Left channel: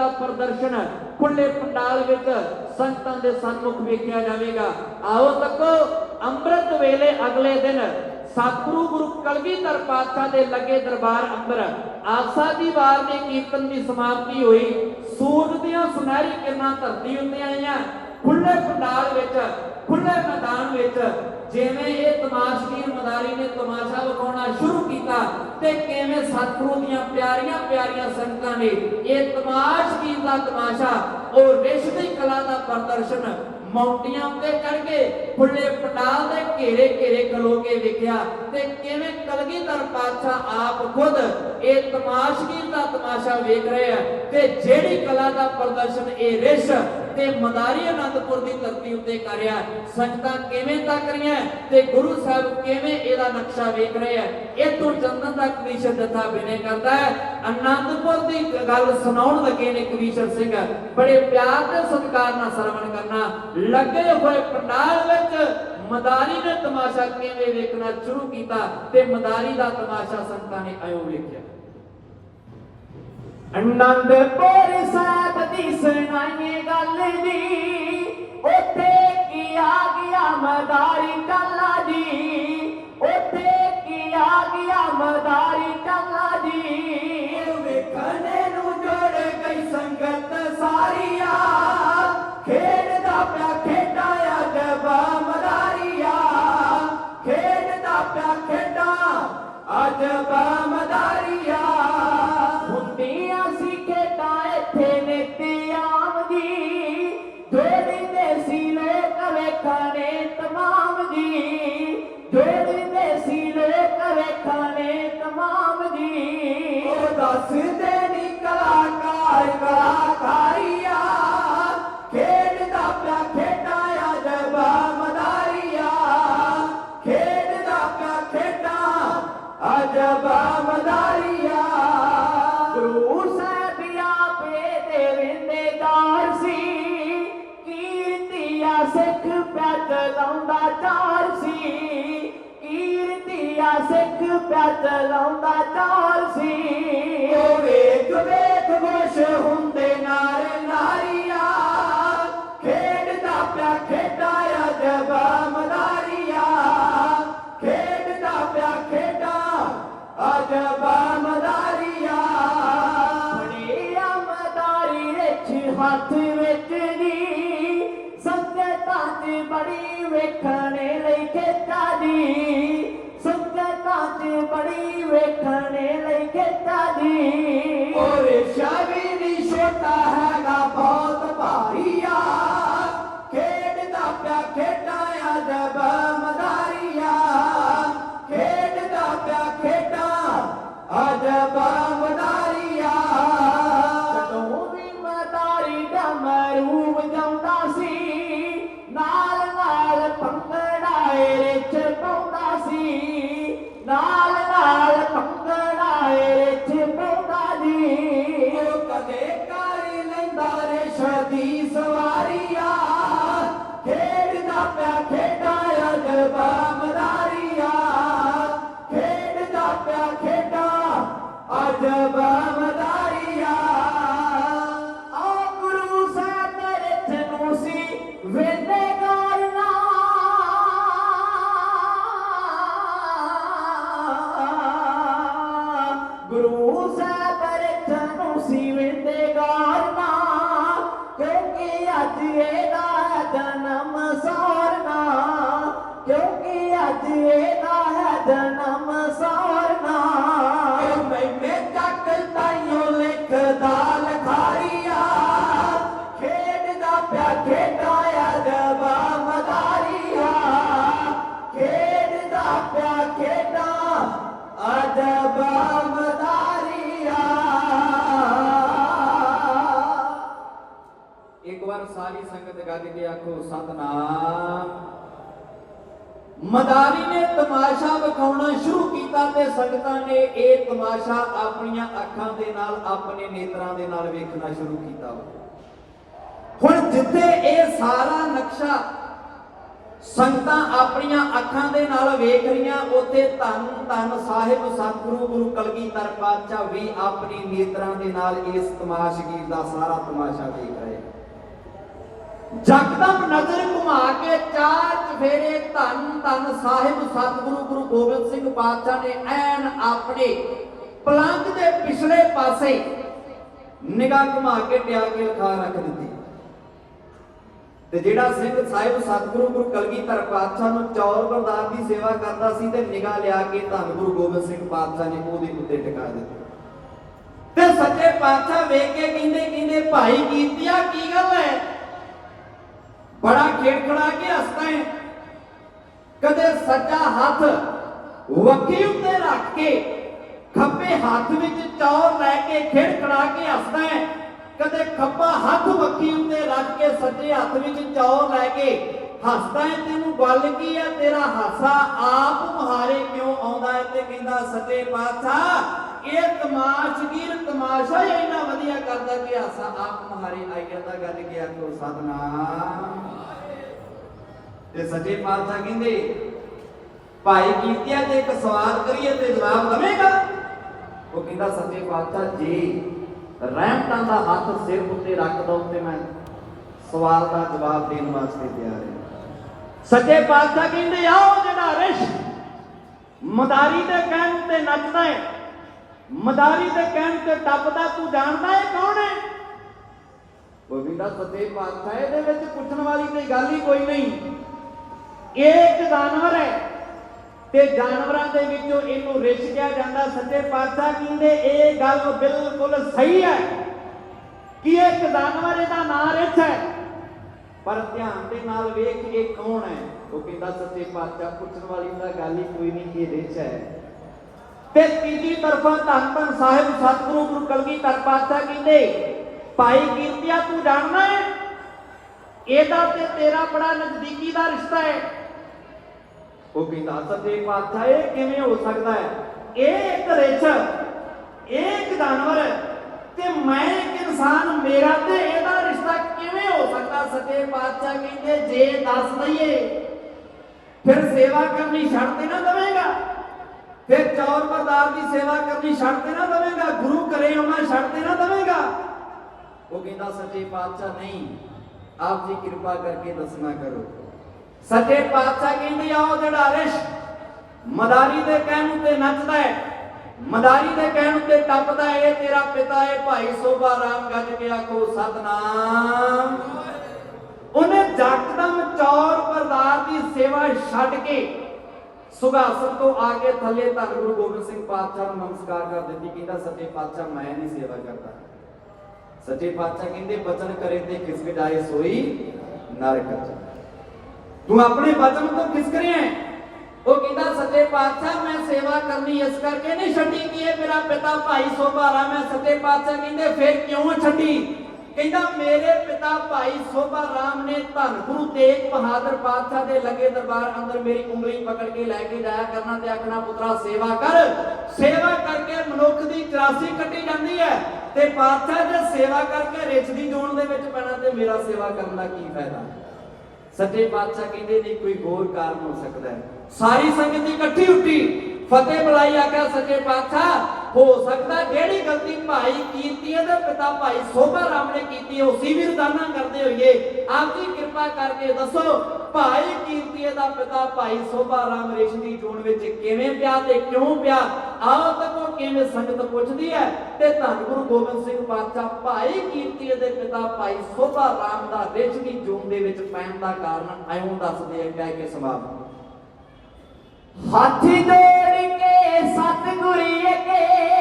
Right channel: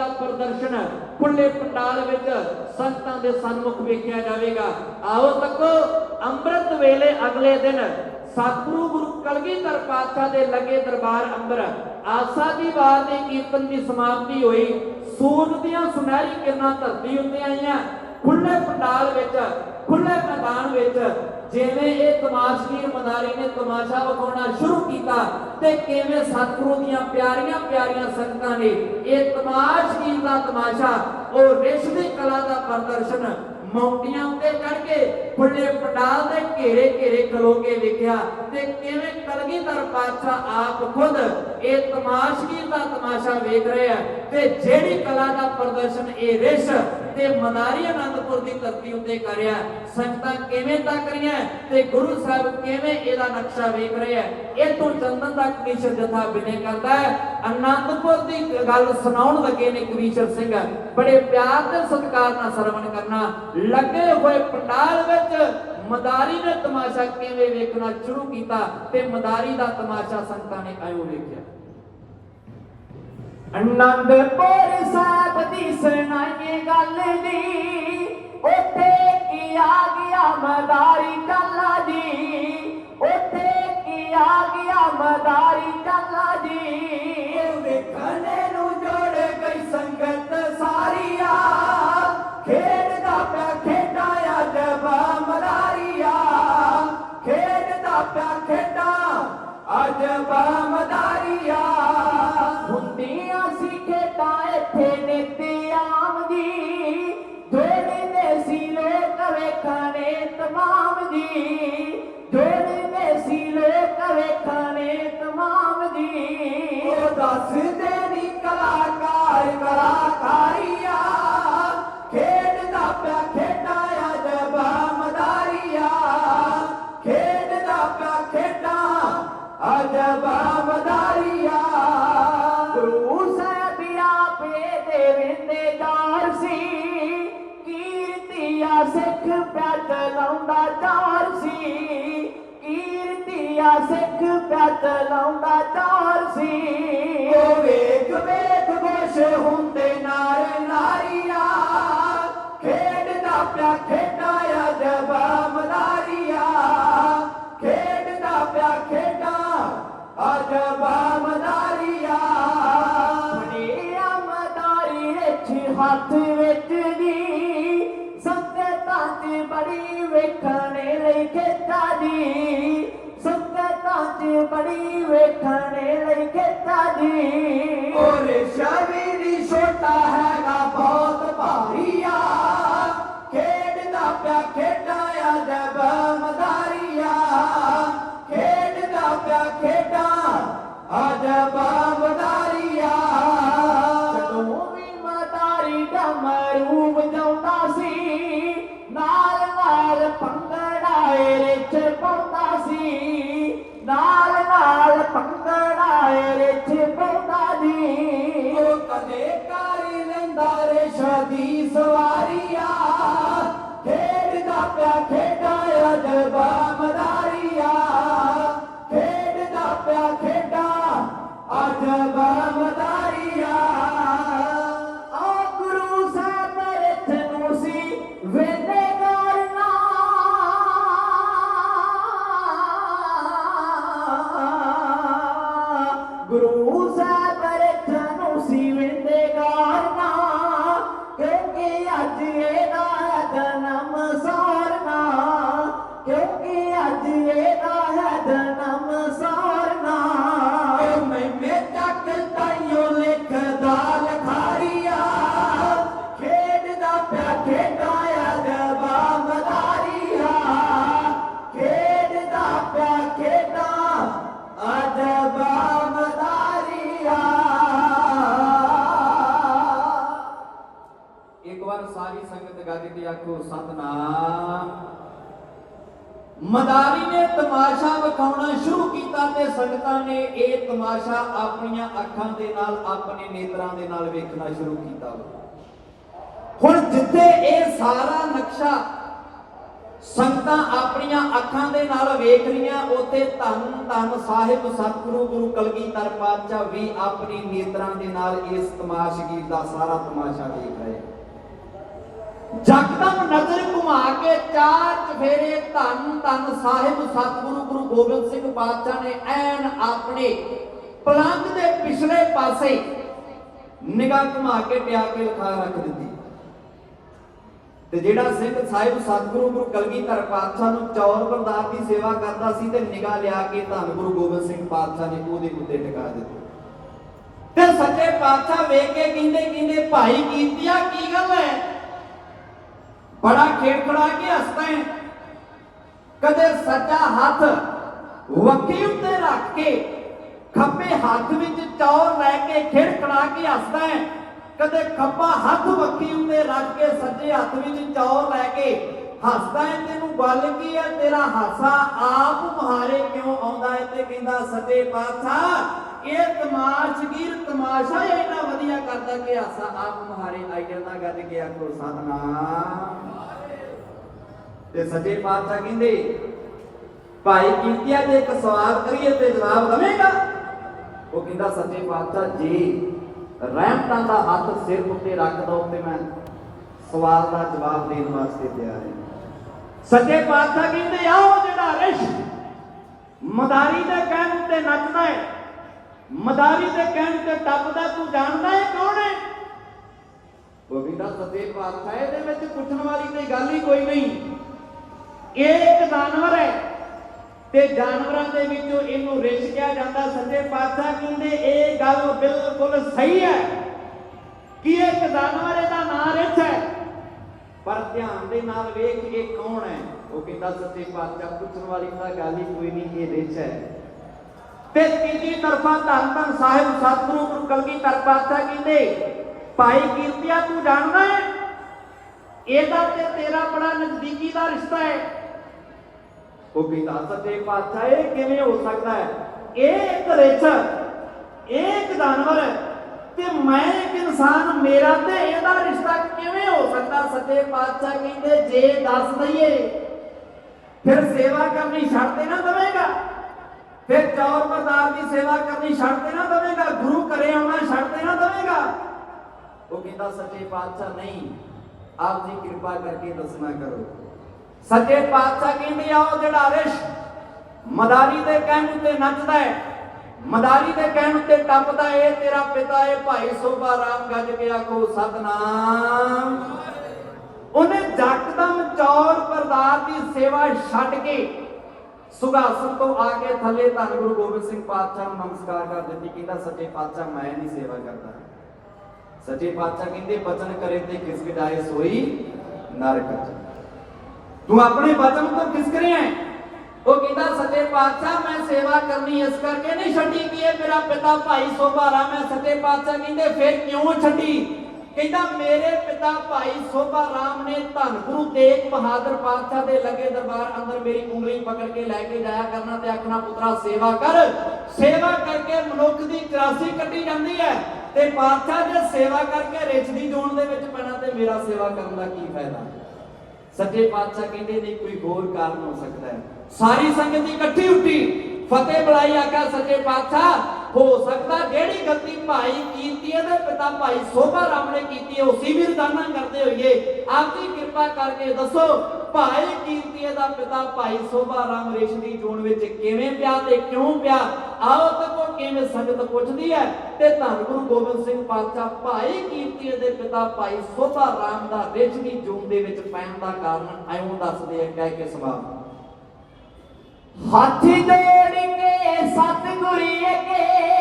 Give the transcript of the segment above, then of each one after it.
ਦਾ ਪ੍ਰਦਰਸ਼ਨ ਖੁੱਲੇ ਪੰਡਾਲ ਵਿੱਚ ਸੰਗਤਾਂ ਦੇ ਸਨਮੁਖ ਵੇਖਿਆ ਜਾਵੇਗਾ। ਆਓ ਤੱਕੋ, ਅੰਮ੍ਰਿਤ ਵੇਲੇ ਅਗਲੇ ਦਿਨ ਸਤਿਗੁਰੂ ਗੁਰੂ ਕਲਗੀਧਰ ਪਾਤਸ਼ਾਹ ਦੇ ਲੱਗੇ ਦਰਬਾਰ ਅੰਦਰ ਆਸਾ ਦੀ ਵਾਰ ਦੇ ਕੀਰਤਨ ਦੀ ਸਮਾਪਤੀ ਹੋਈ। ਸੂਰਜ ਦੀਆਂ ਸੁਨਹਿਰੀ ਕਿਰਨਾਂ ਧਰਤੀ ਉੱਤੇ ਆਈਆਂ। ਖੁੱਲੇ ਪੰਡਾਲ ਵਿੱਚ ਖੁੱਲੇ ਮੈਦਾਨ ਵਿੱਚ ਜਿਵੇਂ ਇਹ ਤਮਾਸ਼ਗੀਰ ਮਦਾਰੀ ਨੇ ਤਮਾਸ਼ਾ ਵਿਖਾਉਣਾ ਸ਼ੁਰੂ ਕੀਤਾ ਤੇ ਕਿਵੇਂ ਸਤਿਗੁਰੂ ਦੀਆਂ ਪਿਆਰੀਆਂ ਪਿਆਰੀਆਂ ਸੰਗਤਾਂ ਨੇ ਇਹ ਤਮਾਸ਼ਗੀਰ ਦਾ ਤਮਾਸ਼ਾ, ਉਹ ਰਿਸ਼ਵੀ ਕਲਾ ਦਾ ਪ੍ਰਦਰਸ਼ਨ ਮੌਂਟੀਆਂ ਉੱਤੇ ਚੜ ਕੇ ਖੁੱਲੇ ਪੰਡਾਲ ਦੇ ਘੇਰੇ ਘੇਰੇ ਖਲੋ ਕੇ ਵੇਖਿਆ ਤੇ ਕਿਵੇਂ ਕਲਗੀਧਰ ਪਾਤਸ਼ਾਹ ਆਪ ਖੁਦ ਇਹ ਤਮਾਸ਼ਗੀਰ ਦਾ ਤਮਾਸ਼ਾ ਵੇਖ ਰਹੇ ਤੇ ਜਿਹੜੀ ਕਲਾ ਦਾ ਪ੍ਰਦਰਸ਼ਨ ਇਹ ਰਿਸ਼ ਤੇ ਮਦਾਰੀ ਆਨੰਦਪੁਰ ਦੀ ਧਰਤੀ ਉੱਤੇ ਕਰਿਆ ਸੰਗਤਾਂ ਕਿਵੇਂ ਤੱਕ ਰਹੀਆਂ ਤੇ ਗੁਰੂ ਸਾਹਿਬ ਕਿਵੇਂ ਇਹਦਾ ਨਕਸ਼ਾ ਵੇਖ ਰਿਹਾ ਇਹ ਤੋਂ ਚੰਦਨ ਦਾ ਕ੍ਰਿਸ਼ਨ ਜਥਾ ਬਿਨੇ ਕਰਦਾ ਹੈ। ਅਨੰਦਪੁਰ ਦੀ ਗੱਲ ਸੁਣਾਉਣ ਲੱਗੇ ਨੇ ਕ੍ਰਿਸ਼ਨ ਸਿੰਘ। ਬੜੇ ਪਿਆਰ ਤੇ ਸਤਿਕਾਰ ਨਾਲ ਸਰਵਣ ਕਰਨਾ। ਲੱਗੇ ਹੋਏ ਪੰਡਾਲ ਵਿੱਚ ਮਦਾਰੀ ਨੇ ਤਮਾਸ਼ਾ ਕਿਵੇਂ ਵੇਖਣਾ ਸ਼ੁਰੂ ਕੀਤਾ ਤੇ ਮਦਾਰੀ ਦਾ ਤਮਾਸ਼ਾ ਸੰਗਤਾਂ ਨੇ ਆਇਓ ਵੇਖਿਆ। ਅਨੰਦਪੁਰ ਸਾਹਿਬ ਦੀ ਸੁਣਾਈਏ ਗੱਲ ਜੀ, ਉੱਥੇ ਕੀ ਆ ਗਿਆ ਮਦਾਰੀ ਟੱਲਾ ਜੀ, ਉੱਥੇ ਆਖੋ ਸਤਨਾਮ। ਮਦਾਰੀ ਨੇ ਤਮਾਸ਼ਾ ਵਿਖਾਉਣਾ ਸ਼ੁਰੂ ਕੀਤਾ ਤੇ ਸੰਗਤਾਂ ਨੇ ਇਹ ਤਮਾਸ਼ਾ ਆਪਣੀਆਂ ਅੱਖਾਂ ਦੇ ਨਾਲ, ਆਪਣੇ ਨੇਤਰਾਂ ਦੇ ਨਾਲ ਵੇਖਣਾ ਸ਼ੁਰੂ ਕੀਤਾ। ਹੁਣ ਜਿੱਥੇ ਇਹ ਸਾਰਾ ਨਕਸ਼ਾ ਸੰਗਤਾਂ ਆਪਣੀਆਂ ਅੱਖਾਂ ਦੇ ਨਾਲ ਵੇਖ ਰਹੀਆਂ, ਉੱਥੇ ਧੰਨ ਧੰਨ ਸਾਹਿਬ ਸਤਿਗੁਰੂ, ਗੁਰੂ ਕਲਗੀਧਰ ਪਾਤਸ਼ਾਹ ਵੀ ਆਪਣੀ ਨੇਤਰਾਂ ਦੇ ਨਾਲ ਇਸ ਤਮਾਸ਼ਗੀਰ ਦਾ ਸਾਰਾ ਤਮਾਸ਼ਾ ਦੇਖ ਰਹੇ ਜਗਦਮ ਨਜ਼ਰ ਘੁਮਾ ਕੇ ਚਾਰ ਚਫੇਰੇ ਧੰਨ ਧੰਨ ਸਾਹਿਬ ਸਤਿਗੁਰੂ ਗੁਰੂ ਗੋਬਿੰਦ ਸਿੰਘ ਪਾਤਸ਼ਾਹ ਨੇ ਐਨ ਆਪਣੇ ਪਲੰਗ ਦੇ ਪਿਛਲੇ ਪਾਸੇ ਨਿਗਾਹ ਘੁਮਾ ਕੇ ਟਿਆ ਕੇ ਲਖਾ ਰੱਖ ਦਿੱਤੀ। ਤੇ ਜਿਹੜਾ ਸਿੰਘ ਸਾਹਿਬ ਸਤਿਗੁਰੂ ਗੁਰੂ ਕਲਗੀਧਰ ਪਾਤਸ਼ਾਹ ਨੂੰ ਚੌਰ ਬਰਦਾਰ ਦੀ ਸੇਵਾ ਕਰਦਾ ਸੀ ਤੇ ਨਿਗਾਹ ਲਿਆ ਕੇ ਧੰਨ ਗੁਰੂ ਗੋਬਿੰਦ ਸਿੰਘ ਪਾਤਸ਼ਾਹ ਨੇ ਉਹਦੇ ਉੱਤੇ ਟਿਕਾ ਦਿੱਤੀ। ਤੇ ਸੱਚੇ ਪਾਤਸ਼ਾਹ ਵੇਖ ਕੇ ਕਹਿੰਦੇ ਕਹਿੰਦੇ, ਭਾਈ ਕੀਤਿਆ ਕੀ ਗੱਲ ਹੈ? ਬੜਾ ਖੇਡਖੜਾ ਕੇ ਹੱਸਦਾ ਹੈ। ਕਦੇ ਸੱਜਾ ਹੱਥ ਵੱਖੀ ਉੱਤੇ ਰੱਖ ਕੇ, ਖੱਬੇ ਹੱਥ ਵਿੱਚ ਚੌਰ ਲੈ ਕੇ ਖੇਡਖੜਾ ਕੇ ਹੱਸਦਾ ਹੈ। ਕਦੇ ਖੱਬਾ ਹੱਥ ਵੱਖੀ ਉੱਤੇ ਰੱਖ ਕੇ, ਸੱਜੇ ਹੱਥ ਵਿੱਚ ਚੌਰ ਲੈ ਕੇ ਹੱਸਦਾ ਹੈ। ਤੈਨੂੰ ਗੱਲ ਕੀ ਹੈ ਤੇਰਾ ਹਾਸਾ ਆਪ ਮੁਹਾਰੇ ਕਿਉਂ ਆਉਂਦਾ ਹੈ? ਤੇ ਕਹਿੰਦਾ ਸੱਚੇ ਪਾਤਸ਼ਾਹ, ਇਹ ਤਮਾਸ਼ਗੀਰ ਤਮਾਸ਼ਾ ਇੰਨਾ ਵਧੀਆ ਕਰਦਾ ਕਿ ਹਾਸਾ ਆਪ ਮੁਹਾਰੇ ਆਈ ਜਾਂਦਾ। ਗੱਲ ਕੀ ਆਖੋ ਸਤਨਾਮ ਤੇ ਸੱਚੇ ਪਾਤਸ਼ਾਹ ਕਹਿੰਦੇ, ਭਾਈ ਕੀਤਿਆ ਜੇ ਇੱਕ ਸਵਾਲ ਕਰੀਏ ਤੇ ਜਵਾਬ ਦਵੇਗਾ? ਉਹ ਕਹਿੰਦਾ, ਸੱਚੇ ਪਾਤਸ਼ਾਹ ਜੀ, ਰਹਿਮਤਾਂ ਦਾ ਹੱਥ ਸਿਰ ਉੱਤੇ ਰੱਖ ਦੋ ਤੇ ਮੈਂ ਸਵਾਲ ਦਾ ਜਵਾਬ ਦੇਣ ਵਾਸਤੇ ਤਿਆਰ ਹਾਂ। ਸੱਚੇ ਪਾਤਸ਼ਾਹ ਕਹਿੰਦੇ, ਆਓ ਜਿਹੜਾ ਰਿਸ਼। ਮਦਾਰੀ ਦੇ ਕਹਿਣ ਤੇ ਨੱਚਦਾ ਹੈ ਮਦਾਰੀ ਦੇ ਕਹਿਣ ਤੇ ਟੱਪਦਾ, ਤੂੰ ਜਾਣਦਾ ਹੈ ਕੌਣ ਹੈ ਉਹ ਵੀ ਦਾ ਸੱਚੇ ਪਾਤਸ਼ਾਹ, ਇਹਦੇ ਵਿੱਚ ਪੁੱਛਣ ਵਾਲੀ ਕੋਈ ਗੱਲ ਹੀ ਕੋਈ ਨਹੀਂ। ਇਹ ਇੱਕ ਜਾਨਵਰ ਹੈ। ਤੇ ਜਾਨਵਰਾਂ ਦੇ ਵਿੱਚੋਂ ਇਹਨੂੰ ਰਿਛ ਕਿਹਾ ਜਾਂਦਾ ਸੱਚੇ ਪਾਤਸ਼ਾਹ ਕਹਿੰਦੇ, ਇਹ ਗੱਲ ਬਿਲਕੁਲ ਸਹੀ ਹੈ ਕਿ ਇੱਕ ਜਾਨਵਰ ਇਹਦਾ ਨਾਂ ਰਿਛ ਹੈ। ਪਰ ਧਿਆਨ ਦੇ ਨਾਲ ਵੇਖ ਇਹ ਕੌਣ ਹੈ। ਉਹ ਕਹਿੰਦਾ ਸੱਚੇ ਪਾਤਸ਼ਾਹ, ਪੁੱਛਣ ਵਾਲੀ ਤਾਂ ਗੱਲ ਹੀ ਕੋਈ ਨਹੀਂ ਇਹ ਰਿਛ ਹੈ। ਤੇ ਤੀਜੀ ਤਰਫਾ ਧੰਨ ਸਾਹਿਬ ਸਤਿਗੁਰੂ ਗੁਰੂ ਕਲਗੀਧਰ ਪਾਤਸ਼ਾਹ ਕਹਿੰਦੇ, ਭਾਈ ਕੀਰਤਿਆ, ਤੂੰ ਜਾਣਦਾ ਹੈ? ਇਹਦਾ ਤੇ ਤੇਰਾ ਬੜਾ ਨਜ਼ਦੀਕੀ ਦਾ ਰਿਸ਼ਤਾ ਹੈ। ਉਹ ਕਹਿੰਦਾ ਸੱਚੇ ਪਾਤਸ਼ਾਹ ਇਹ ਕਿਵੇਂ ਹੋ ਸਕਦਾ ਹੈ? ਇਹ ਇੱਕ ਰਿਛ ਇਹ ਇੱਕ ਜਾਨਵਰ ਹੈ। ਤੇ ਮੈਂ ਇੱਕ ਇਨਸਾਨ, ਮੇਰਾ ਤੇ ਇਹਦਾ ਰਿਸ਼ਤਾ ਕਿਵੇਂ ਹੋ ਸਕਦਾ? ਸੱਚੇ ਪਾਤਸ਼ਾਹ ਕਹਿੰਦੇ, ਜੇ ਦੱਸ ਦਈਏ, ਫਿਰ ਸੇਵਾ ਕਰਨੀ ਛੱਡ ਤੇ ਨਾ ਦਵੇਂਗਾ। ਫਿਰ ਚੌਰ ਬਰਦਾਰ ਦੀ ਸੇਵਾ ਕਰਨੀ ਛੱਡ ਤੇ ਨਾ ਦਵੇਂਗਾ। ਗੁਰੂ ਘਰੇ ਆਉਣਾ ਛੱਡ ਤੇ ਨਾ ਦਵੇਂਗਾ। ਉਹ ਕਹਿੰਦਾ, ਸੱਚੇ ਪਾਤਸ਼ਾਹ, ਨਹੀਂ। ਆਪ ਜੀ ਕਿਰਪਾ ਕਰਕੇ ਦੱਸਣਾ ਕਰੋ। ਸੱਚੇ ਪਾਤਸ਼ਾਹ ਕਹਿੰਦੇ ਆਓ ਜਿਹੜਾ ਰਿਸ਼ ਮਦਾਰੀ ਦੇ ਕਹਿਣ ਤੇ ਨੱਚਦਾ ਹੈ, ਮਦਾਰੀ ਦੇ ਕਹਿਣ ਤੇ ਟੱਪਦਾ ਹੈ ਤੇਰਾ ਪਿਤਾ ਹੈ, ਭਾਈ ਸੋਭਾ ਰਾਮ ਗੱਜ ਕੇ ਆਖੋ, ਸਤਨਾਮ। ਉਹਨੇ ਜੱਟਦਮ ਚੌਰ ਪਰਦਾਰ ਦੀ ਸੇਵਾ ਛੱਡ ਕੇ ਸੁਗਾਸਨ ਤੋਂ ਆ ਕੇ ਥੱਲੇ ਧੰਨ ਗੁਰੂ ਗੋਬਿੰਦ ਸਿੰਘ ਪਾਤਸ਼ਾਹ ਨੂੰ ਨਮਸਕਾਰ ਕਰ ਦਿੱਤੀ, ਕਹਿੰਦਾ ਸੱਚੇ ਪਾਤਸ਼ਾਹ, ਮੈਂ ਨਹੀਂ ਸੇਵਾ ਕਰਦਾ। ਸੱਚੇ ਪਾਤਸ਼ਾਹ ਕਹਿੰਦੇ, ਬਚਨ ਕਰੇ ਤੇ ਕਿਸ ਗਡਾਏ ਸੋਈ ਨਰਕ ਤੂੰ ਆਪਣੇ ਬਚਨ ਤੋਂ ਕਿਸ ਕਰਿਆ ਹੈ? ਉਹ ਕਹਿੰਦਾ, ਸੱਚੇ ਪਾਤਸ਼ਾਹ, ਮੈਂ ਸੇਵਾ ਕਰਨੀ, ਇਸ ਕਰਕੇ ਨਹੀਂ ਛੱਡੀ ਕਿ ਇਹ ਮੇਰਾ ਪਿਤਾ ਭਾਈ ਸੋਭਾ ਰਾਮ ਸੱਚੇ ਪਾਤਸ਼ਾਹ ਕਹਿੰਦੇ, ਫਿਰ ਕਿਉਂ ਛੱਡੀ? ਕਹਿੰਦਾ, ਮੇਰੇ ਪਿਤਾ ਭਾਈ ਸੋਭਾ ਰਾਮ ਨੇ ਧੰਨ ਗੁਰੂ ਤੇਗ ਬਹਾਦਰ ਪਾਤਸ਼ਾਹ ਦੇ ਲੱਗੇ ਦਰਬਾਰ ਅੰਦਰ ਮੇਰੀ ਉਂਗਲੀ ਪਕੜ ਕੇ ਲੈ ਕੇ ਜਾਇਆ ਕਰਨਾ ਤੇ ਆਖਣਾ, ਪੁੱਤਰਾ, ਸੇਵਾ ਕਰ। ਸੇਵਾ ਕਰਕੇ ਮਨੁੱਖ ਦੀ 84 ਕੱਢੀ ਜਾਂਦੀ ਹੈ ਤੇ ਪਾਤਸ਼ਾਹ ਜੇ ਸੇਵਾ ਕਰਕੇ ਰਿਛ ਦੀ ਜੋਨ ਦੇ ਵਿੱਚ ਪੈਣਾ ਤੇ ਮੇਰਾ ਸੇਵਾ ਕਰਨ ਦਾ ਕੀ ਫਾਇਦਾ? ਸੱਚੇ ਪਾਤਸ਼ਾਹ ਕਹਿੰਦੇ ਨਹੀਂ, ਕੋਈ ਹੋਰ ਕਾਰਨ ਹੋ ਸਕਦਾ ਹੈ। ਸਾਰੀ ਸੰਗਤ ਇਕੱਠੀ ਉੱਠੀ। ਫਤਿਹ ਬੁਲਾਈ ਆਖਿਆ ਸੱਚੇ ਪਾਤਸ਼ਾਹ ਹੋ ਸਕਦਾ ਜਿਹੜੀ ਗਲਤੀ ਭਾਈ ਕੀਤੀ ਹੈ ਤੇ ਪਿਤਾ ਭਾਈ ਸੋਭਾ ਰਾਮ ਨੇ ਕੀਤੀ ਹੈ ਉਸੇ ਵੀ ਰਦਾਨਾ ਕਰਦੇ ਹੋਈਏ ਆਪ ਜੀ ਕਿਰਪਾ ਕਰਕੇ ਦੱਸੋ, ਭਾਈ ਕੀਰਤੀ ਦਾ ਪਿਤਾ ਭਾਈ ਸੋਭਾ ਰਾਮ ਰੇਸ਼ ਦੀ ਵਿੱਚ ਕਿਵੇਂ ਪਿਆ ਤੇ ਕਿਉਂ ਪਿਆ? ਆਓ ਤੱਕੋ ਕਿਵੇਂ ਸੰਗਤ ਪੁੱਛਦੀ ਹੈ? ਤੇ ਧੰਨ ਗੁਰੂ ਗੋਬਿੰਦ ਸਿੰਘ ਪਾਤਸ਼ਾਹ, ਭਾਈ ਕੀਰਤੀ ਦੇ ਪਿਤਾ ਭਾਈ ਸੋਭਾ ਰਾਮ ਦਾ ਰੇਸ਼ ਦੀ ਦੇ ਵਿੱਚ ਪੈਣ ਦਾ ਕਾਰਨ ਐਉਂ ਦੱਸਦੇ ਆ ਕਹਿ ਕੇ ਸਵਾਲ ਹਾਥੀ ਦੇ ਸਤਿਗੁਰੀ ਅਗੇ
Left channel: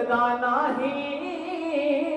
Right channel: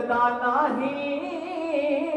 ਤੇ ਭੁੱਲਦਾ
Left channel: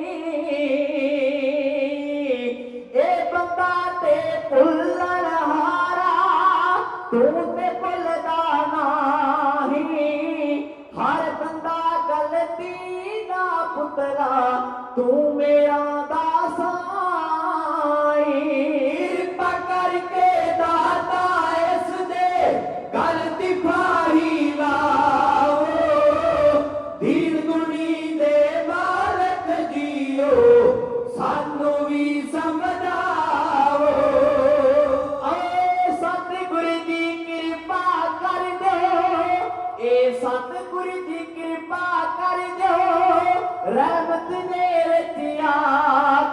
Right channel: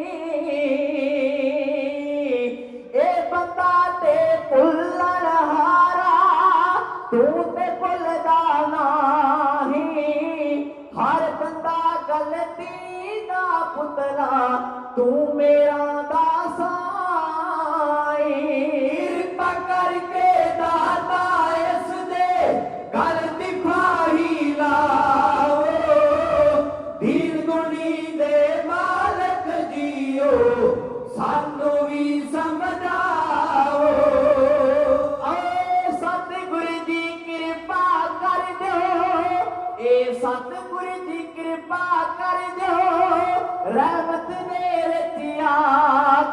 ਰਹਿਮਤ ਨੇ ਰਚਿਆ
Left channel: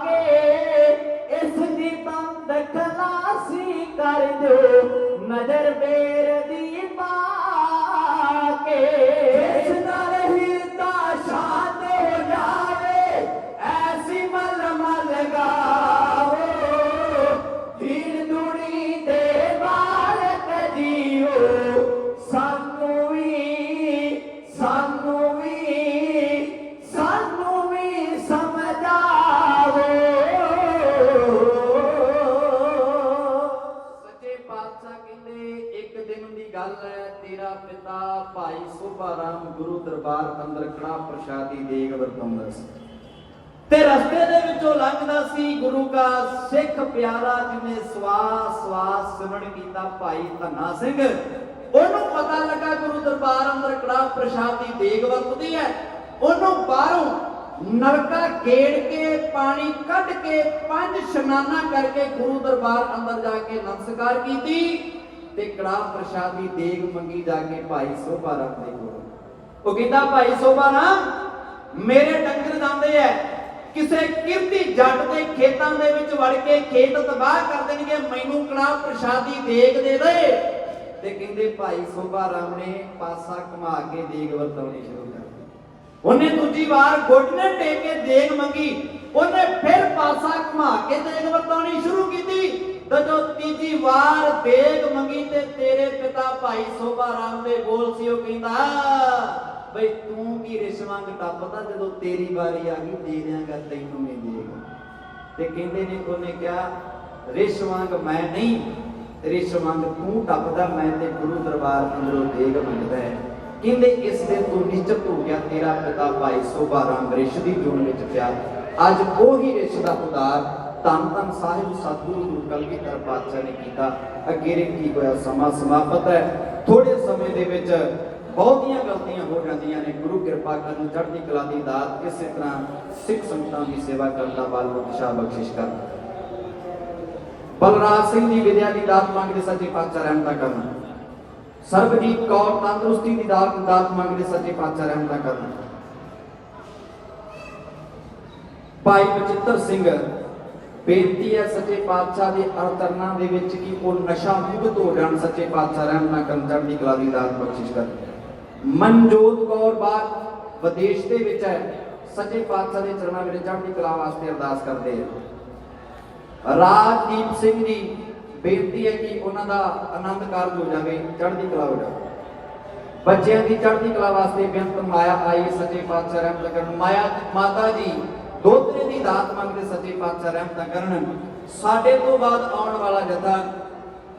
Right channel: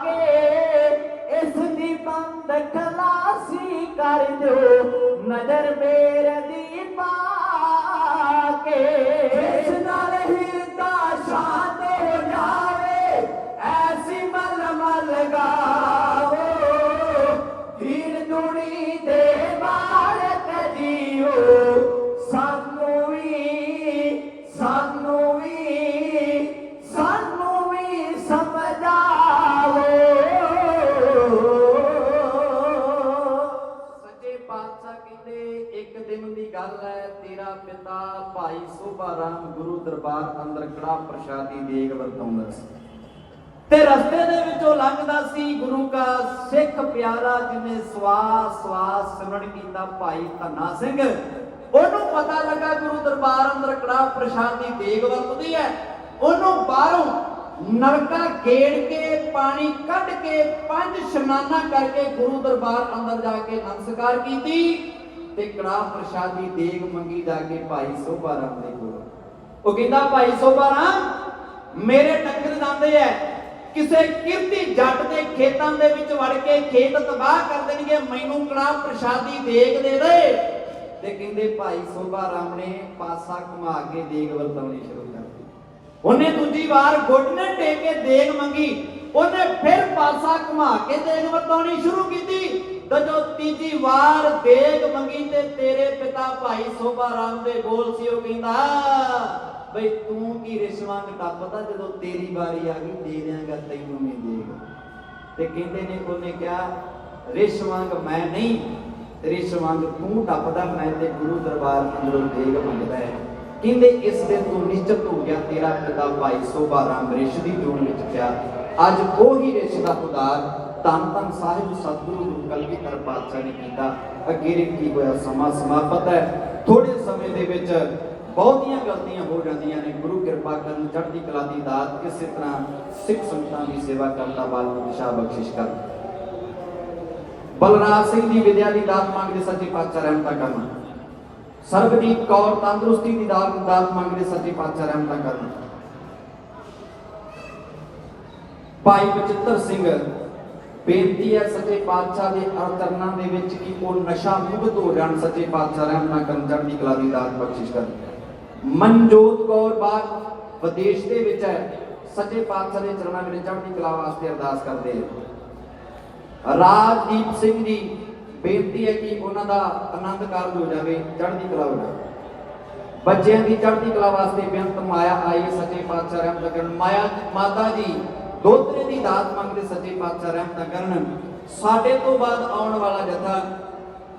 ਕੇ ਇਸ ਦੀ ਤੰਦ ਖਲਾਸੀ ਕਰ ਦਿਓ। ਨਜ਼ਰ ਗੱਲ ਹੈ, ਤੇਰਾ ਪਿਤਾ ਭਾਈ ਸੋਭਾ ਰਾਮ ਗੁਰੂ ਦਰਬਾਰ ਅੰਦਰ ਕੜਾ ਪ੍ਰਸ਼ਾਦੀ ਦੇਗ ਵਰਤਾਉਂਦਾ ਸੀ। ਤੇ ਰਸਤੇ ਦੇ ਵਿੱਚੋਂ ਲੰਘਦਾ ਸੀ ਗੁਰੂ ਕਾ ਸਿੱਖ ਪਿਆਰਾ ਜਿਹਨੇ ਸਵਾਸ ਸਵਾਸ ਸਿਮਰਨ ਕੀਤਾ ਭਾਈ ਧੰਨਾ ਸਿੰਘ। ਉਹਨੂੰ ਪਤਾ ਲੱਗਾ ਗੁਰੂ ਦਰਬਾਰ ਅੰਦਰ ਕੜਾ ਪ੍ਰਸ਼ਾਦੀ ਦੇਗ ਵਰਤਦੀ ਹੈ। ਉਹਨੂੰ ਬਾਹਰੋਂ ਨਲਕਾ ਗੇੜ ਕੇ, ਪਾਣੀ ਕੱਢ ਕੇ, ਪੰਜ ਸ਼ਨਾਨਾ ਕਰਕੇ ਗੁਰੂ ਦਰਬਾਰ ਅੰਦਰ ਜਾ ਕੇ ਨਮਸਕਾਰ ਕੀਤੀ। ਤੇ ਕੜਾ ਪ੍ਰਸ਼ਾਦੀ ਦੇਗ ਮੰਗੀ ਜਾ ਕੇ ਭਾਈ ਸੋਭਾ ਰਾਮ ਦੇ ਕੋਲ। ਉਹ ਕਹਿੰਦਾ, ਭਾਈ ਸੋਭਾ ਰਾਮ, ਮੇਰੇ ਡੰਗਰ ਜਾਂਦੇ ਐ। ਕਿਸੇ ਕਿਰਤੀ ਜੱਟ ਦੇ ਖੇਤਾਂ ਦੇ ਵਿੱਚ ਵੜ ਕੇ ਖੇਤ ਤਬਾਹ ਕਰ ਦੇਣਗੇ, ਮੈਨੂੰ ਕੜਾ ਪ੍ਰਸ਼ਾਦੀ ਦੇਗ ਦੇ ਦੇ। ਤੇ ਕਹਿੰਦੇ, ਭਾਈ ਸੋਭਾ ਰਾਮ ਨੇ ਪਾਸਾ ਘੁਮਾ ਕੇ ਦੇਗ ਵਰਤਾਉਣੀ ਸ਼ੁਰੂ ਕਰ ਦਿੱਤੀ। ਉਹਨੇ ਦੂਜੀ ਵਾਰ ਘੁੱਟਨੇ ਟੇਕ ਕੇ ਦੇਗ ਮੰਗੀ। ਉਹਨੇ ਫਿਰ ਪਾਸਾ ਘੁਮਾ ਕੇ ਦੇਗ ਵਰਤਾਉਣੀ ਸ਼ੁਰੂ ਕੀਤੀ। ਜਦੋਂ ਤੀਜੀ ਵਾਰ ਦੇਗ ਮੰਗੀ ਤੇ ਤੇਰੇ ਪਿਤਾ ਭਾਈ ਸੋਭਾ ਰਾਮ ਦੇ ਬੋਲ ਸੀ, ਉਹ ਕਹਿੰਦਾ, ਬਈ ਤੂੰ ਕੀ ਰਿਸ਼ਵਾਂ ਟੱਪਦਾ ਜਦੋਂ ਤੇਰੀ ਵਾਰੀ ਆ ਗਈ ਦੇ ਦਿਆਂਗਾ ਤੈਨੂੰ ਵੀ ਦੇਗ ਤੇ ਕਹਿੰਦੇ ਨੇ, ਉਹਨੇ ਕਿਹਾ, ਰਿਸ਼ਵਾਂਗ ਮੈਂ ਨਹੀਂ, ਰਿਸ਼ਵਾਂਗ ਤੂੰ ਟੱਪਦਾ, ਮੈਂ ਤੇ ਗੁਰੂ ਦਰਬਾਰ ਅੰਦਰੋਂ ਦੇਗ ਮੰਗਦਾ ਹੈ। ਕਹਿੰਦੇ, ਇਸ ਦਿਨ ਤੂੰ ਨਿਸ਼ਚਿਤ ਹੋ ਗਿਆ, ਤੇਰਾ ਪਿਤਾ ਭਾਈ ਸੋਭਾ ਰਾਮ ਰਿਸ਼ ਦੀ ਜੂਨ ਵਿੱਚ ਪਿਆ। ਅੱਜ ਉਹੀ ਰਿਸ਼ ਦਾ ਉਦਾਰ ਧੰਨ ਧੰਨ ਸਾਹਿਬ ਸਤਿਗੁਰੂ ਗੁਰੂ ਕਲਗੀਧਰ ਪਾਤਸ਼ਾਹ ਨੇ ਕੀਤਾ, ਅੱਗੇ ਕੀ ਹੋਇਆ, ਸਮਾਂ ਸਮਾਪਤ ਹੈ। ਥੋੜੇ ਸਮੇਂ ਦੇ ਵਿੱਚ ਬਹੁਤੀਆਂ ਗਲਤੀਆਂ ਹੋ ਜਾਂਦੀਆਂ ਨੇ, ਗੁਰੂ ਕਿਰਪਾ ਕਰਨ ਚੜ੍ਹਦੀ ਕਲਾ ਦੀ ਦਾਤ ਕਿਸੇ ਤਰ੍ਹਾਂ ਸਿੱਖ ਸੰਗਤਾਂ ਦੀ ਸੇਵਾ ਕਰਨ ਦਾ ਬਲ ਬਖਸ਼ਾ ਬਖਸ਼ਿਸ਼ ਕਰ। ਬਲਰਾਜ ਸਿੰਘ ਦੀ ਵਿਦਿਆ ਦੀ ਦਾਤ ਮੰਗਦੇ ਸੱਚੇ ਪਾਤਸ਼ਾਹ ਰਹਿਮਤਾਂ ਕਰਨ। ਸਰਬਜੀਤ ਕੌਰ ਤੰਦਰੁਸਤੀ ਦੀ ਦਾਤ ਦਾਤ ਮੰਗਦੇ ਸੱਚੇ ਪਾਤਸ਼ਾਹ ਰਹਿਮਤਾਂ ਕਰਨ। ਭਾਈ ਬਚਿੱਤਰ ਸਿੰਘ ਬੇਨਤੀ ਹੈ ਸੱਚੇ ਪਾਤਸ਼ਾਹ ਦੇ ਅਵਤਰਨਾਂ ਦੇ ਵਿੱਚ ਕਿ ਉਹ ਨਸ਼ਾ ਮੁਕਤ ਹੋ ਜਾਣ, ਸੱਚੇ ਪਾਤਸ਼ਾਹ ਰਹਿਮਤਾਂ ਕਰਨ ਚੜ੍ਹਦੀ ਕਲਾ ਦੀ ਦਾਤ ਬਖਸ਼ਿਸ਼ ਕਰਨ। ਮਨਜੋਤ ਕੌਰ ਬਾਗ ਵਿਦੇਸ਼ ਦੇ ਵਿੱਚ ਹੈ। ਸੱਚੇ ਪਾਤਸ਼ਾਹ ਦੇ ਚਰਨਾਂ ਵਿੱਚ ਚੜ੍ਹਦੀ ਕਲਾ ਵਾਸਤੇ ਅਰਦਾਸ ਕਰਦੇ ਆ। ਰਾਜਦੀਪ ਸਿੰਘ ਜੀ, ਬੇਨਤੀ ਹੈ ਕਿ ਉਹਨਾਂ ਦਾ ਆਨੰਦ ਕਾਰਜ ਹੋ ਜਾਵੇ ਚੜ੍ਹਦੀ ਕਲਾ ਹੋ ਜਾਵੇ। ਬੱਚਿਆਂ ਦੀ ਚੜ੍ਹਦੀ ਕਲਾ ਵਾਸਤੇ ਬੇਅੰਤ ਮਾਇਆ ਆਈ ਸੱਚੇ ਪਾਤਸ਼ਾਹ ਰਹਿਮਤ ਕਰਨ ਮਾਇਆ, ਮਾਤਾ ਜੀ ਦੋਤਰੇ ਦੀ ਦਾਤ ਮੰਗਦੇ ਸੱਚੇ ਪਾਤਸ਼ਾਹ ਰਹਿਮਤ ਕਰਨ ਸਾਡੇ ਤੋਂ ਬਾਅਦ ਆਉਣ ਵਾਲਾ ਜਥਾ,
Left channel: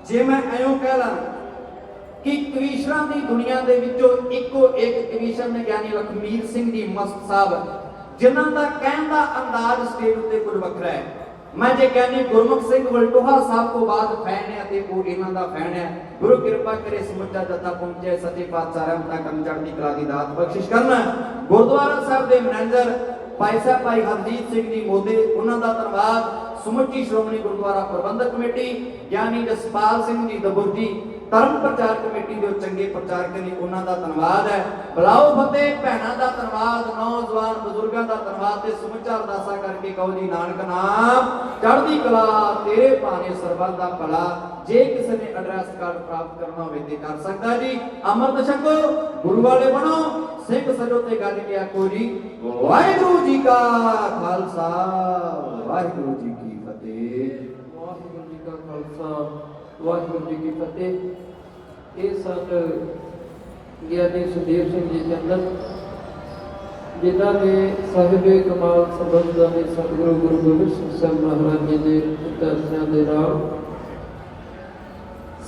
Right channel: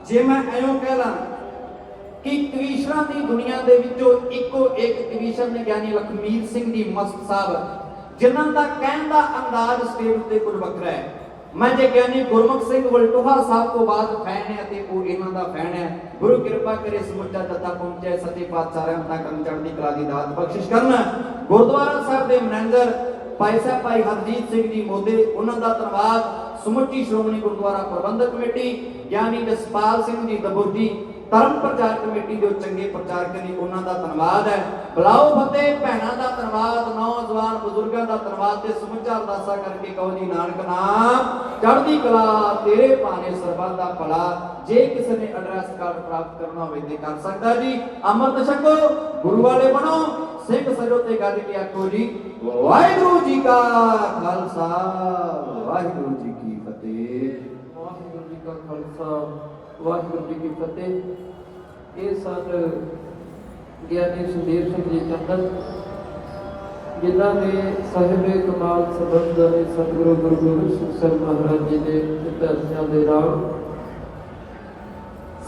ਜੇ ਮੈਂ ਐਂ ਕਹਿ ਲਾਂ ਕਿ ਕਵੀਸ਼ਰਾਂ ਦੀ ਦੁਨੀਆ ਦੇ ਵਿੱਚੋਂ ਇੱਕੋ ਇੱਕ ਕਵੀਸ਼ਰ ਨੇ ਗਿਆਨੀ ਲਖਮੀਰ ਸਿੰਘ ਜੀ ਮਸਤ ਸਾਹਿਬ ਜਿਨ੍ਹਾਂ ਦਾ ਕਹਿਣ ਦਾ ਅੰਦਾਜ਼ ਸਟੇਜ ਉੱਤੇ ਕੁਝ ਵੱਖਰਾ ਹੈ। ਮੈਂ ਜੇ ਗਿਆਨੀ ਗੁਰਮੁਖ ਸਿੰਘ ਵਲਟੋਹਾ ਸਾਹਿਬ ਤੋਂ ਬਾਅਦ ਫੈਨ ਹੈ ਤੇ ਉਹ ਇਹਨਾਂ ਦਾ ਫੈਨ ਹੈ, ਗੁਰੂ ਕਿਰਪਾ ਕਰੇ ਸਮੁੱਚਾ ਜਥਾ ਪਹੁੰਚੇ, ਸੱਚੇ ਪਾਤਸ਼ਾਹ ਰਹਿਮਤਾਂ ਕਰਨ ਚੜ੍ਹਦੀ ਕਲਾ ਦੀ ਦਾਤ ਬਖਸ਼ਿਸ਼ ਕਰਨ। ਗੁਰਦੁਆਰਾ ਸਾਹਿਬ ਦੇ ਮੈਨੇਜਰ ਭਾਈ ਸਾਹਿਬ, ਭਾਈ ਹਰਜੀਤ ਸਿੰਘ ਜੀ ਮੋਦੇ, ਉਹਨਾਂ ਦਾ ਧੰਨਵਾਦ। ਸਮੁੱਚੀ ਸ਼੍ਰੋਮਣੀ ਗੁਰਦੁਆਰਾ ਪ੍ਰਬੰਧਕ ਕਮੇਟੀ, ਗਿਆਨੀ ਜਸਪਾਲ ਸਿੰਘ ਜੀ ਦਬੁਰਜੀ ਧਰਮ ਪ੍ਰਚਾਰ ਕਮੇਟੀ ਦੇ ਚੰਗੇ ਪ੍ਰਚਾਰਕ ਨੇ, ਉਹਨਾਂ ਦਾ ਧੰਨਵਾਦ ਹੈ। ਬਲਾਓ ਫਤਿਹ ਭੈਣਾਂ ਦਾ ਧੰਨਵਾਦ, ਨੌਜਵਾਨ ਬਜ਼ੁਰਗਾਂ ਦਾ ਧੰਨਵਾਦ ਤੇ ਸਮੁੱਚਾ ਅਰਦਾਸਾ ਕਰਕੇ ਕਹੋ ਜੀ, ਨਾਨਕ ਨਾਮ, ਚੜ੍ਹਦੀ ਕਲਾ ਤੇਰੇ ਭਾਣੇ ਸਰਬੱਤ ਦਾ ਭਲਾ, ਜੇ ਕਿਸੇ ਨੇ ਐਡਰੈਸ ਕਾਰਡ ਪ੍ਰਾਪਤ ਕਰਨਾ ਹੋਵੇ ਤੇ ਕਰ ਸਕਦਾ ਜੀ। ਅੰਮ੍ਰਿਤ ਛਕੋ, ਗੁਰੂ ਵਾਲੇ ਬਣੋ। ਸਿੰਘ ਸਜੋ ਤੇ ਗੱਲ ਕੀ ਆਖੋ ਜੀ ਵਾਹਿਗੁਰੂ ਜੀ ਕਾ ਖਾਲਸਾ, ਵਾਹਿਗੁਰੂ ਜੀ ਕੀ ਫਤਿਹ। ਵਾਹਿਗੁਰੂ ਜੀ ਕਾ ਖਾਲਸਾ, ਵਾਹਿਗੁਰੂ ਜੀ ਕੀ ਫਤਿਹ। ਇਹ ਸਨ ਗਿਆਨੀ ਸੁਖਦੇਵ ਸਿੰਘ ਜੀ ਚੰਦਨ, ਜਿਨ੍ਹਾਂ ਨੇ ਸਾਹਿਬੇ ਕਮਾਲ ਸੰਬੰਧਾਂ ਦੇ ਸਤਿਗੁਰੂ ਗੁਰੂ ਗੋਬਿੰਦ ਸਿੰਘ ਸਾਹਿਬ ਮਹਾਰਾਜ ਜੀ ਦੇ ਦਰਸ਼ਨਾਂ ਦੇ ਨਾਲ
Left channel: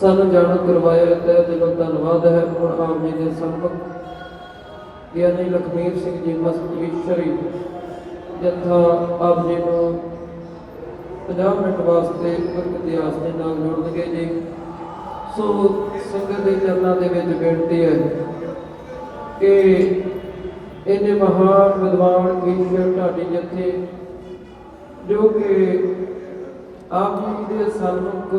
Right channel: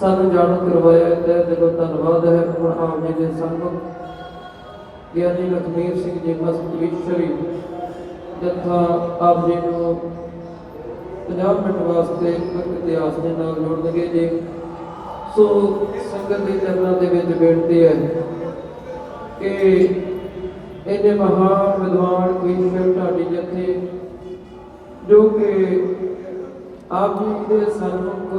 ਸਾਨੂੰ ਜਾਣ ਕਰਵਾਇਆ ਤੇ ਦਿਲੋਂ ਧੰਨਵਾਦ ਹੈ। ਹੁਣ ਆਪ ਜੀ ਦੇ ਸਾਹਮਣੇ ਗਿਆਨੀ ਲਖਮੀਰ ਸਿੰਘ ਜੀ ਮਸਤੀਸ਼ਰੀ ਜਥਾ ਆਪ ਜੀ ਨੂੰ 50 ਮਿੰਟ ਵਾਸਤੇ ਇਤਿਹਾਸ ਦੇ ਨਾਲ ਜੋੜਨਗੇ ਜੀ। ਸੋ ਸੰਗਤ ਦੇ ਚਰਨਾਂ ਦੇ ਵਿੱਚ ਬੇਨਤੀ ਹੈ ਕਿ ਇਹਨੇ ਮਹਾਨ ਵਿਦਵਾਨ ਕਵੀਸ਼ਰ ਢਾਡੀ ਜਥੇ, ਜੋ ਕਿ ਆਪ ਜੀ ਦੇ ਸਨਮੁਖ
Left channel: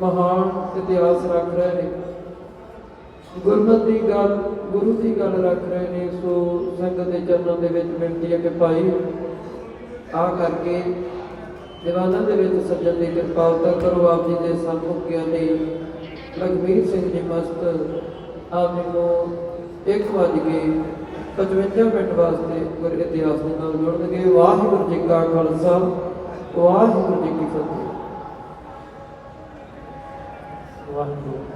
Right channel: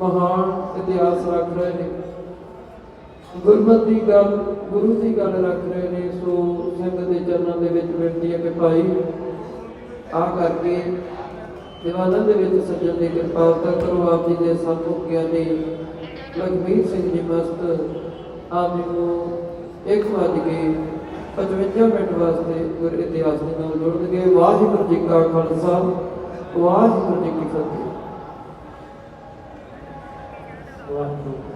ਮਹਾਨ ਇਤਿਹਾਸ ਰੱਖ ਰਹੇ ਨੇ। ਗੁਰਮਤਿ ਦੀ ਗੱਲ, ਗੁਰੂ ਦੀ ਗੱਲ ਰੱਖ ਰਹੇ ਨੇ, ਸੋ ਸੰਗਤ ਦੇ ਚਰਨਾਂ ਦੇ ਵਿੱਚ ਬੇਨਤੀ ਹੈ ਕਿ ਭਾਈ, ਆ ਕਰਕੇ ਦੀਵਾਨਾਂ ਦੇ ਵਿੱਚ ਸੱਜਣ ਦੀ ਕਿਰਪਾਲਤਾ ਕਰੋ, ਆਪ ਜੀ ਦੇ ਸਨਮੁਖ ਗਿਆਨੀ ਲਖਵੀਰ ਸਿੰਘ ਜੀ ਮਸਤ, ਆਪ ਜੀ ਨੂੰ ਇੱਕ ਵੱਜ ਕੇ 55 ਮਿੰਟ ਵਾਸਤੇ ਗੁਰ ਇਤਿਹਾਸ ਦੇ ਨਾਲ ਜੁੜਨਗੇ ਵਾਹਿਗੁਰੂ ਜੀ ਕਾ ਖਾਲਸਾ, ਵਾਹਿਗੁਰੂ ਜੀ ਕੀ ਫਤਿਹ। ਵਾਹਿਗੁਰੂ।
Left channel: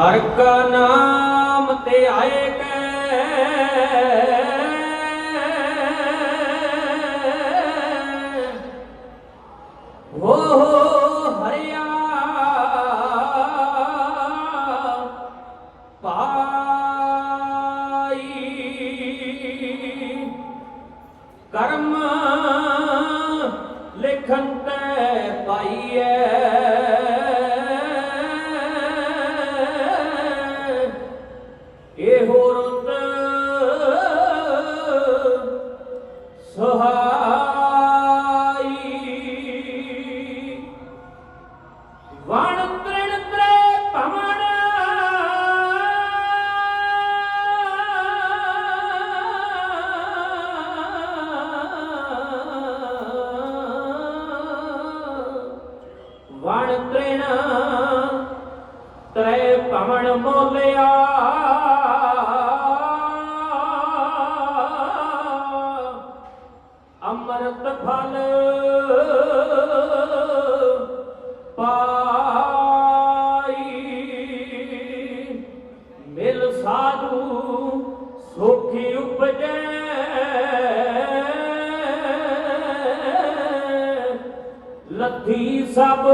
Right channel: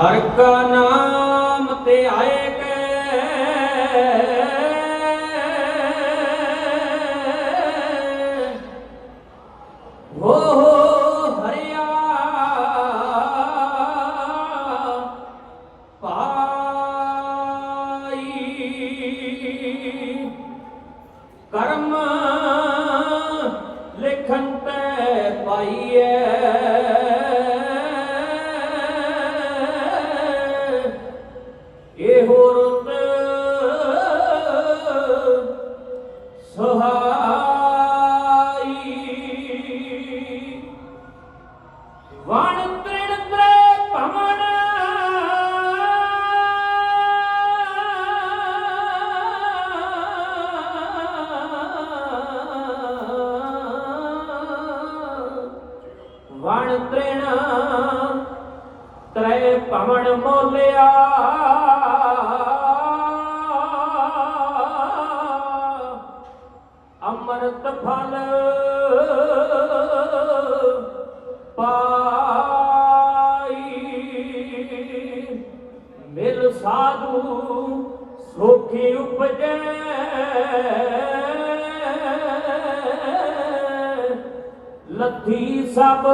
ਹਰ ਕਾ ਨਾਮ ਤੇ ਆਏ ਇਹੋ ਸਾਧੂ ਸੁਖੀ ਉਪਜੈ। ਲੱਥੀ ਸਭ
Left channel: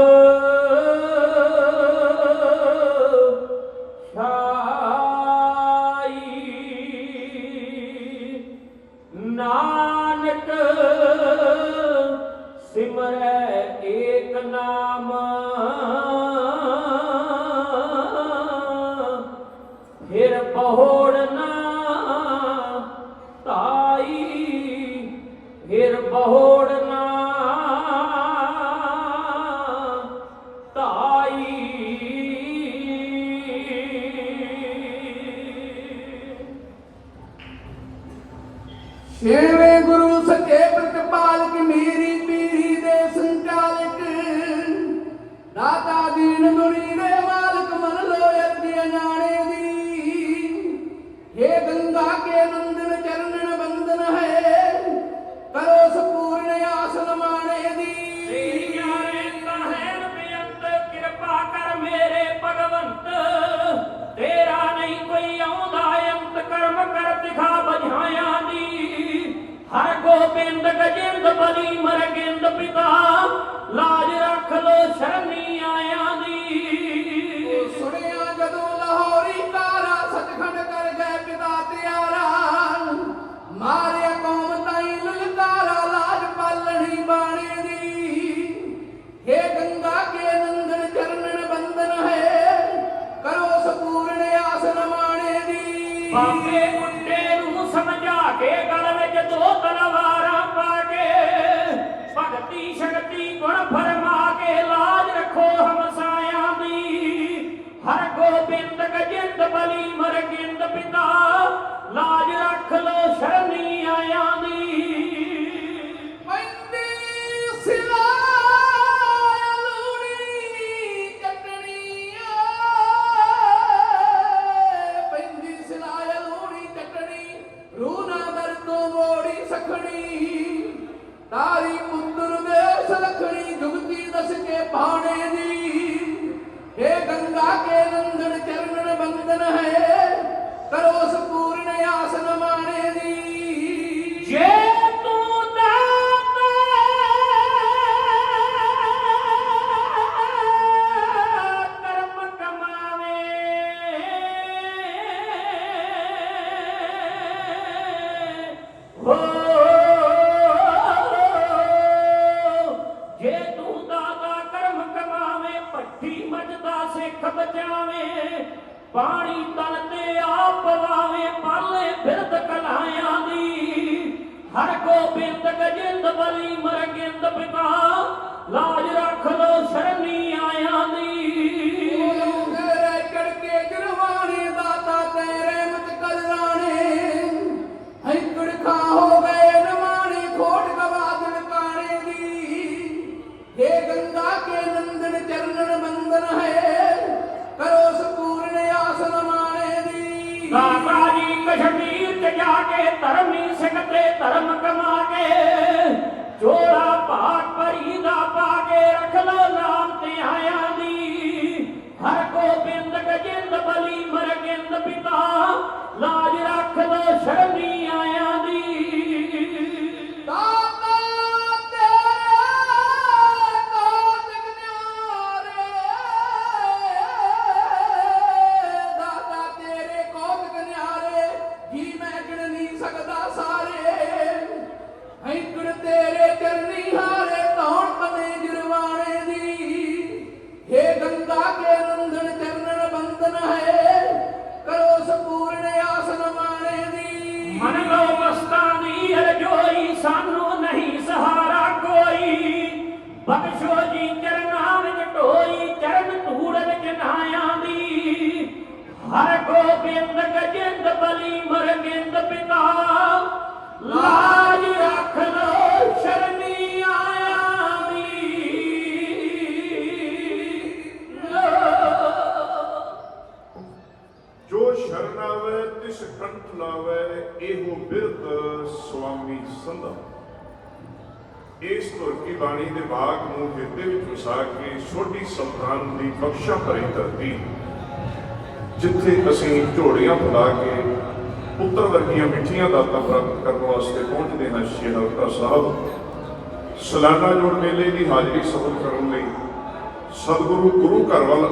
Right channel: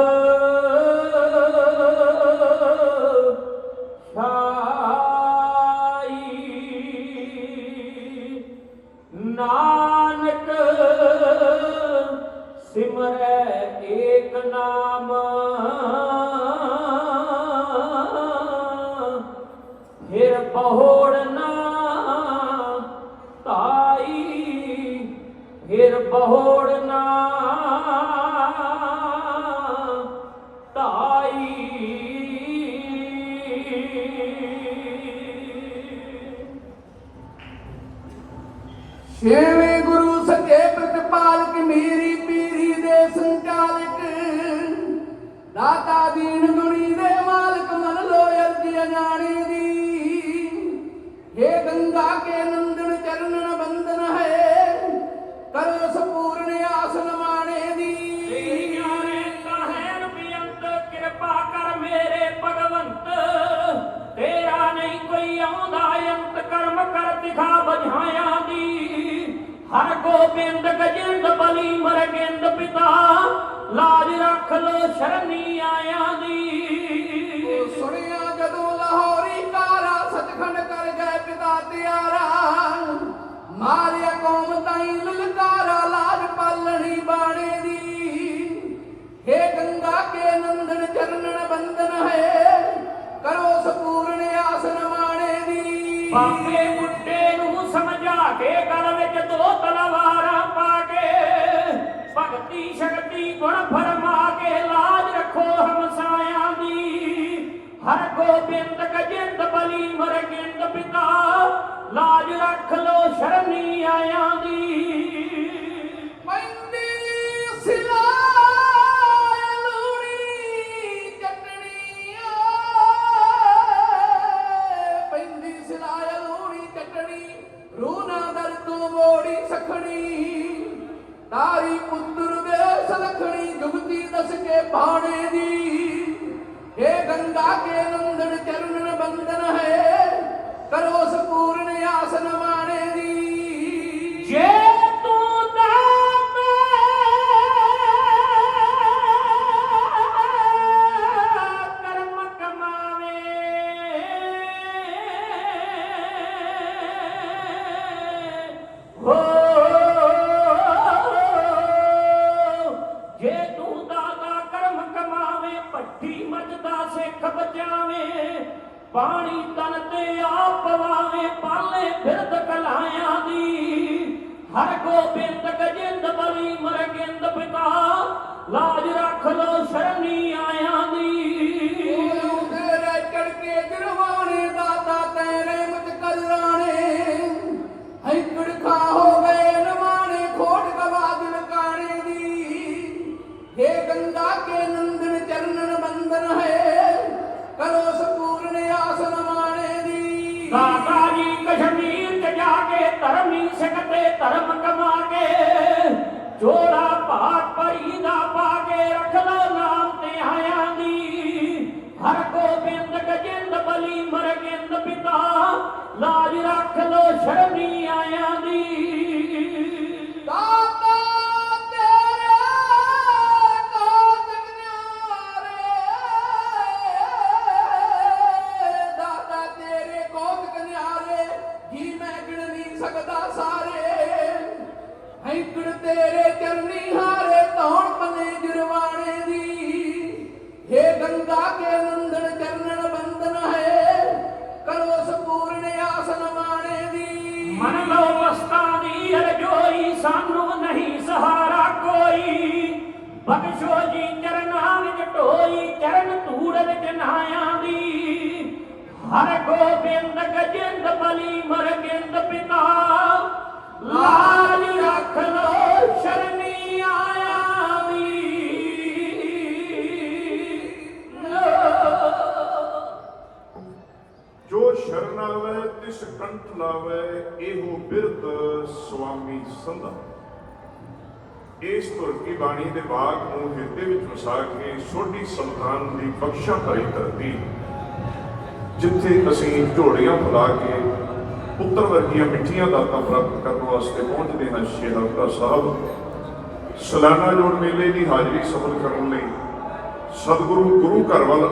ਛੇਵੇਂ ਗੁਰੂ ਸੱਚੇ ਬਾਣੀ ਤਨ ਤੇ ਆਪ ਵਾਵੇਂ ਪਾਲੇ ਫਿਰਦ ਕਲਾਇਆ ਦੀ। ਹਰ ਕੋ ਬਿੰਦ ਗਜਿੰਦ ਬਲੀ ਮਰਗਿੰਦ ਪਿਤਾ, ਲਾਜ ਰਾ ਇਸ ਧੁਰ ਬਾਣੀ ਦੇ ਬਾਗ ਨੂੰ ਹਿਰਦੇ ਵਿੱਚ ਵਸਾ ਕੇ ਛੋਟੀ ਸੰਤਾਨ ਦੀ ਬਖਸ਼ਾ ਭਰੀ ਧਰਤੀ ਜਿੱਥੇ ਅਸੀਂ ਝੋੜੀਆਂ ਫੁਲਾ ਕੇ ਪੁੱਤਰ ਵਰਗੀਆਂ ਮਿੱਠੀਆਂ ਦਾਤਾਂ ਪ੍ਰਾਪਤ ਕਰਨ ਵਾਸਤੇ ਪਹੁੰਚਦੇ ਹਨ ਸ਼ੇਖ ਅਬਦਾ ਸਾਹਿਬ, ਸਲਾਨਾ ਜੋੜ ਮੇਲੇ ਦੀ ਹਾਜ਼ਰੀ ਸਫਲ ਕਰਨ ਲਈ ਸਤਿਗੁਰੂ ਗੁਰੂ ਘਰ ਵੱਲ